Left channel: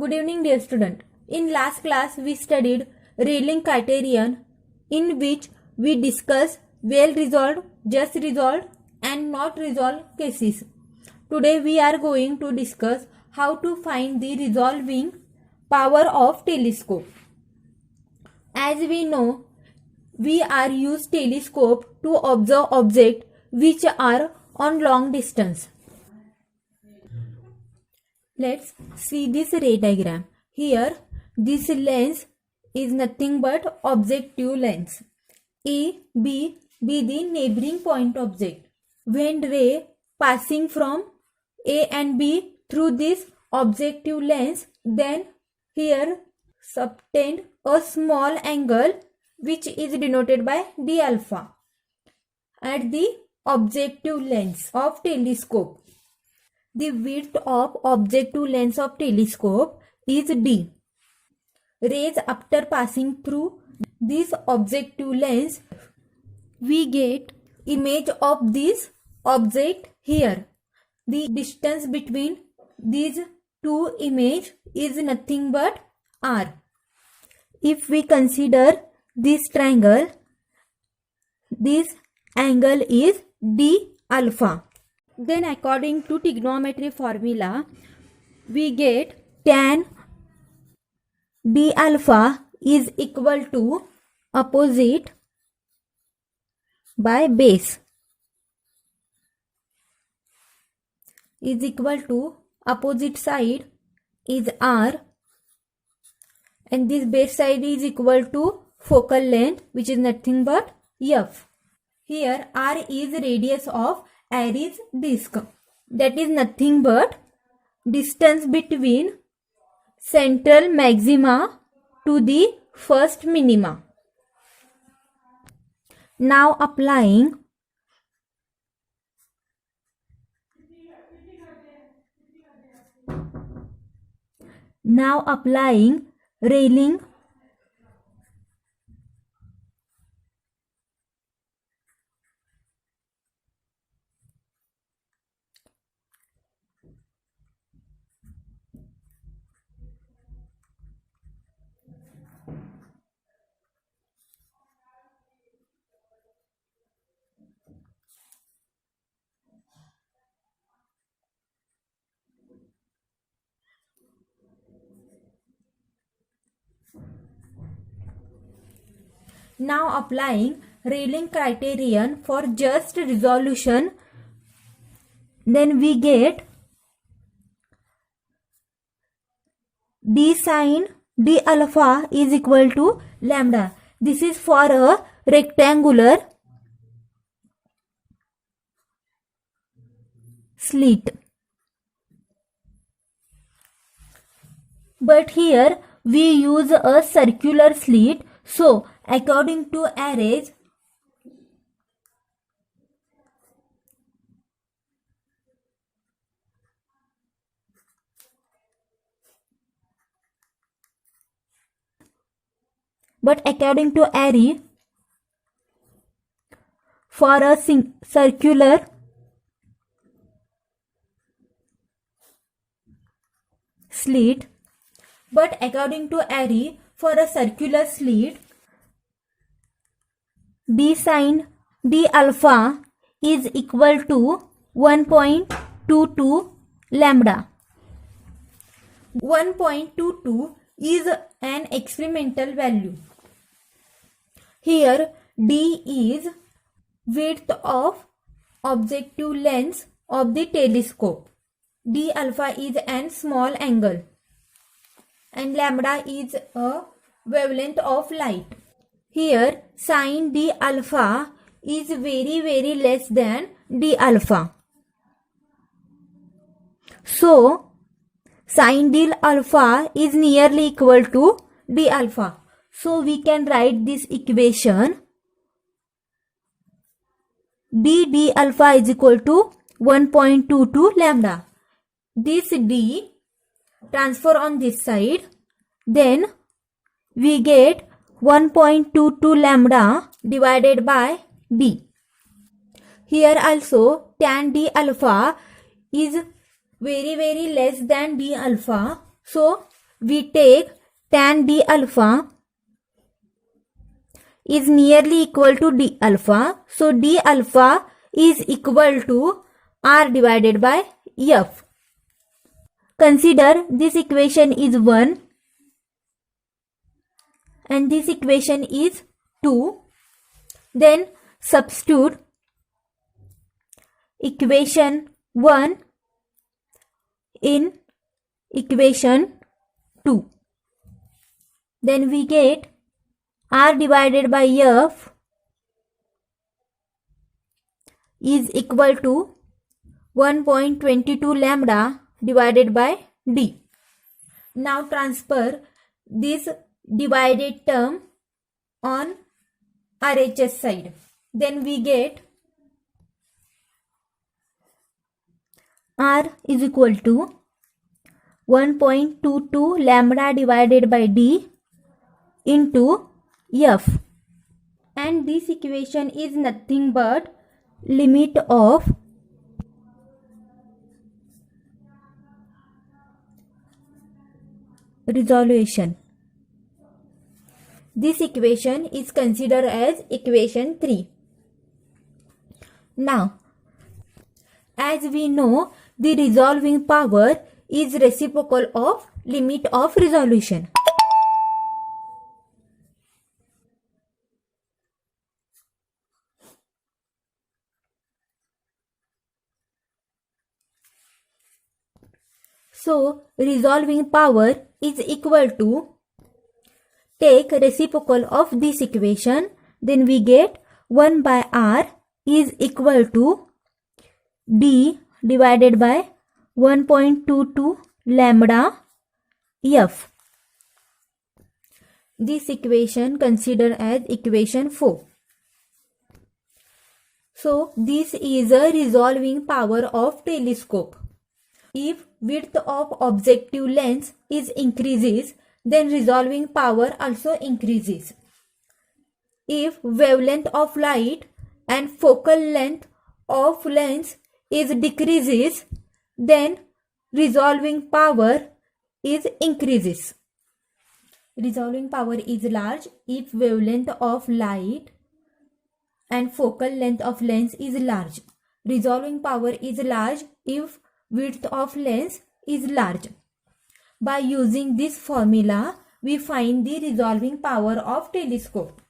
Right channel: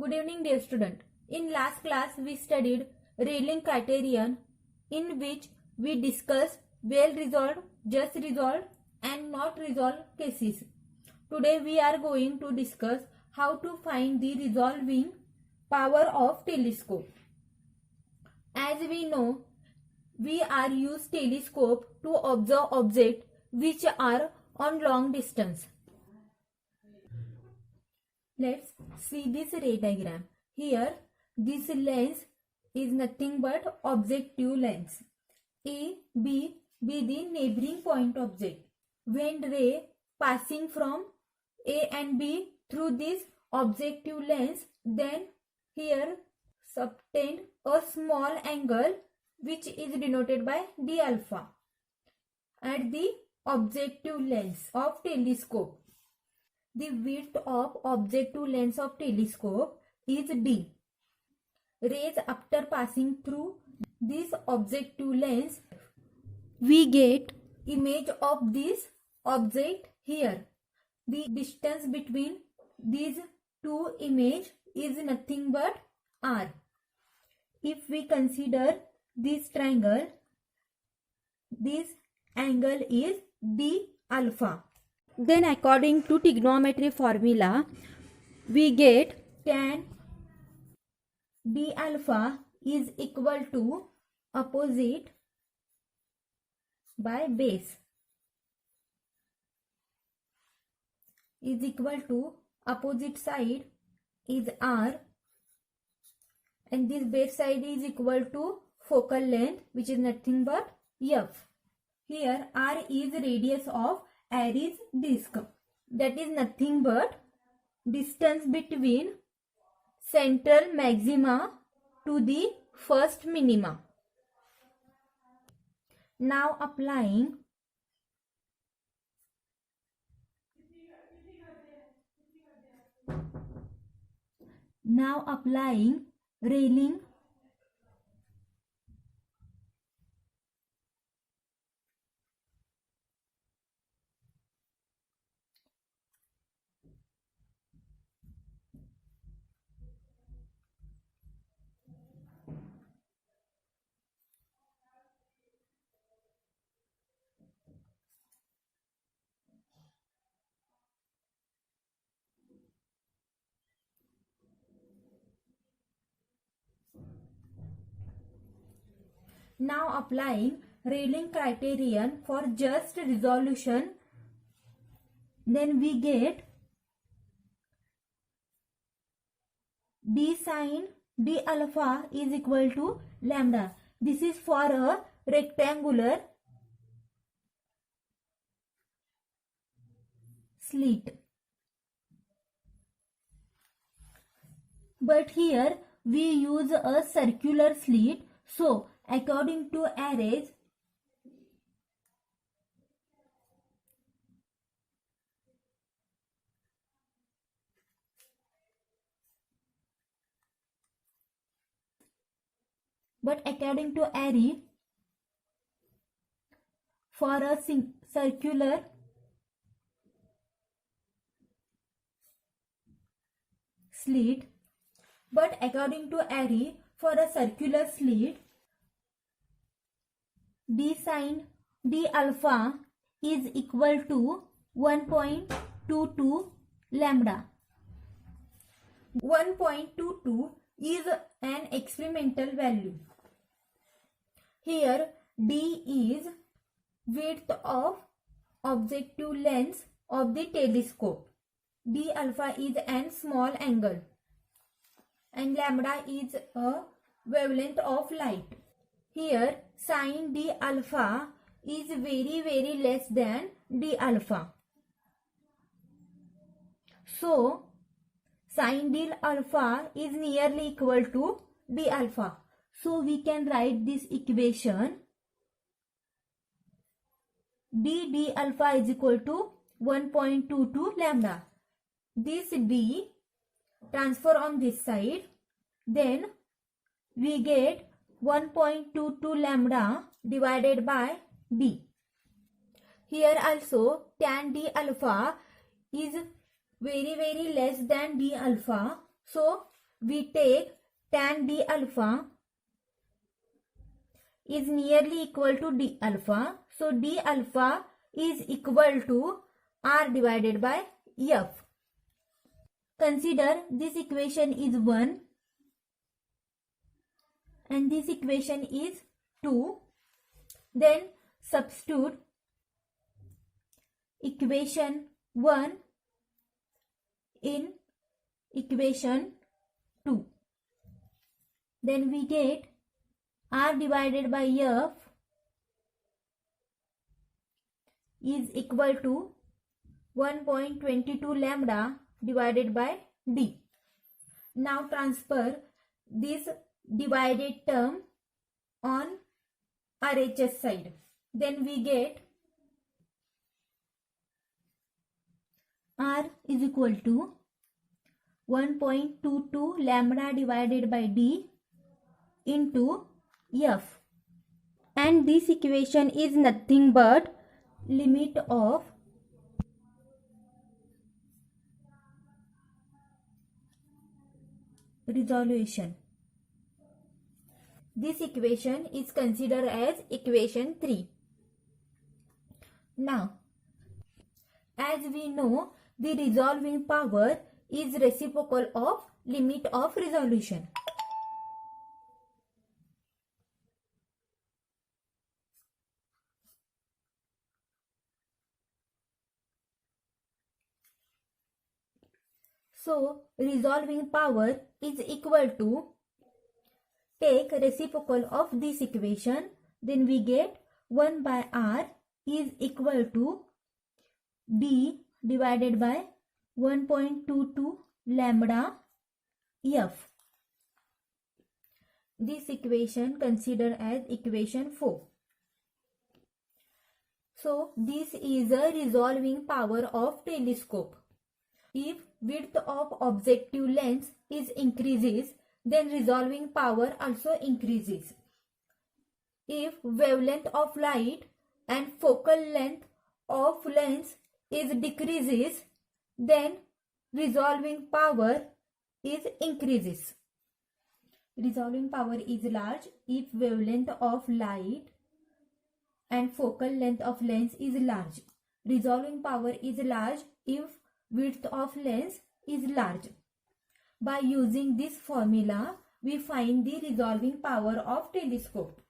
Good evening, dear student. In last class, we studied Rayleigh criterion, in which we discussed well resolved, just resolved, and not resolved cases. Today, we are going to discuss how to find the resolving power of telescope. As we know, we are use telescope to observe objects which are on long distance. Let's see this ray diagram. Here, this lens is nothing but objective lens. A, B be the neighboring point object. When ray passing from A and B through this objective lens, then here subtend a small angle which is denoted by d alpha at the objective lens of telescope. The width of objective lens of telescope is d. Rays after passing through this objective lens, we get image of this object here. The distance between these two images is nothing but r. If we consider this triangle, this angle is d alpha. Then according to trigonometry formula, we get tan d alpha is equal to opposite by base is equal to opposite side is r, and this base side is equal to focal length, which is nothing but f. Here r is radius of Airy's disk, that is nothing but distance between central maxima to the first minima. Now applying Rayleigh criterion for just resolution, then we get d sin d alpha is equal to lambda. This is for a rectangular slit. But here we use a circular slit, so according to Airy's, for a circular slit, d sin d alpha is equal to 1.22 lambda. 1.22 is an experimental value. Here d is width of objective lens of the telescope. D alpha is an small angle, and lambda is a wavelength of light. Here sin d alpha is very less than d alpha. So sin d alpha is nearly equal to d alpha. So we can write this equation d alpha is equal to 1.22 lambda. This d transfer on this side, then we get 1.22 lambda divided by d. Here also tan d alpha is very less than d alpha, so we take tan d alpha is nearly equal to d alpha. So d alpha is equal to r divided by f. Consider this equation is 1 and this equation is 2. Then substitute equation 1 in equation 2. Then we get r divided by f is equal to 1.22 lambda divided by d. Now transfer this divided term on RHS side. Then we get r is equal to 1.22 lambda divided by d into f, and this equation is nothing but limit of resolution. This equation is considered as equation 3. Now, as we know, the resolving power is reciprocal of limit of resolution. So, resolving power is equal to, take reciprocal of this equation, then we get 1 by r is equal to d divided by 1.22 lambda f. This equation considered as equation 4. So, this is a resolving power of telescope. If width of objective lens is increases, then resolving power also increases. If wavelength of light and focal length of lens is decreases, then resolving power is increases. Resolving power is large if wavelength of light and focal length of lens is large. Resolving power is large if width of lens is large. By using this formula, we find the resolving power of telescope.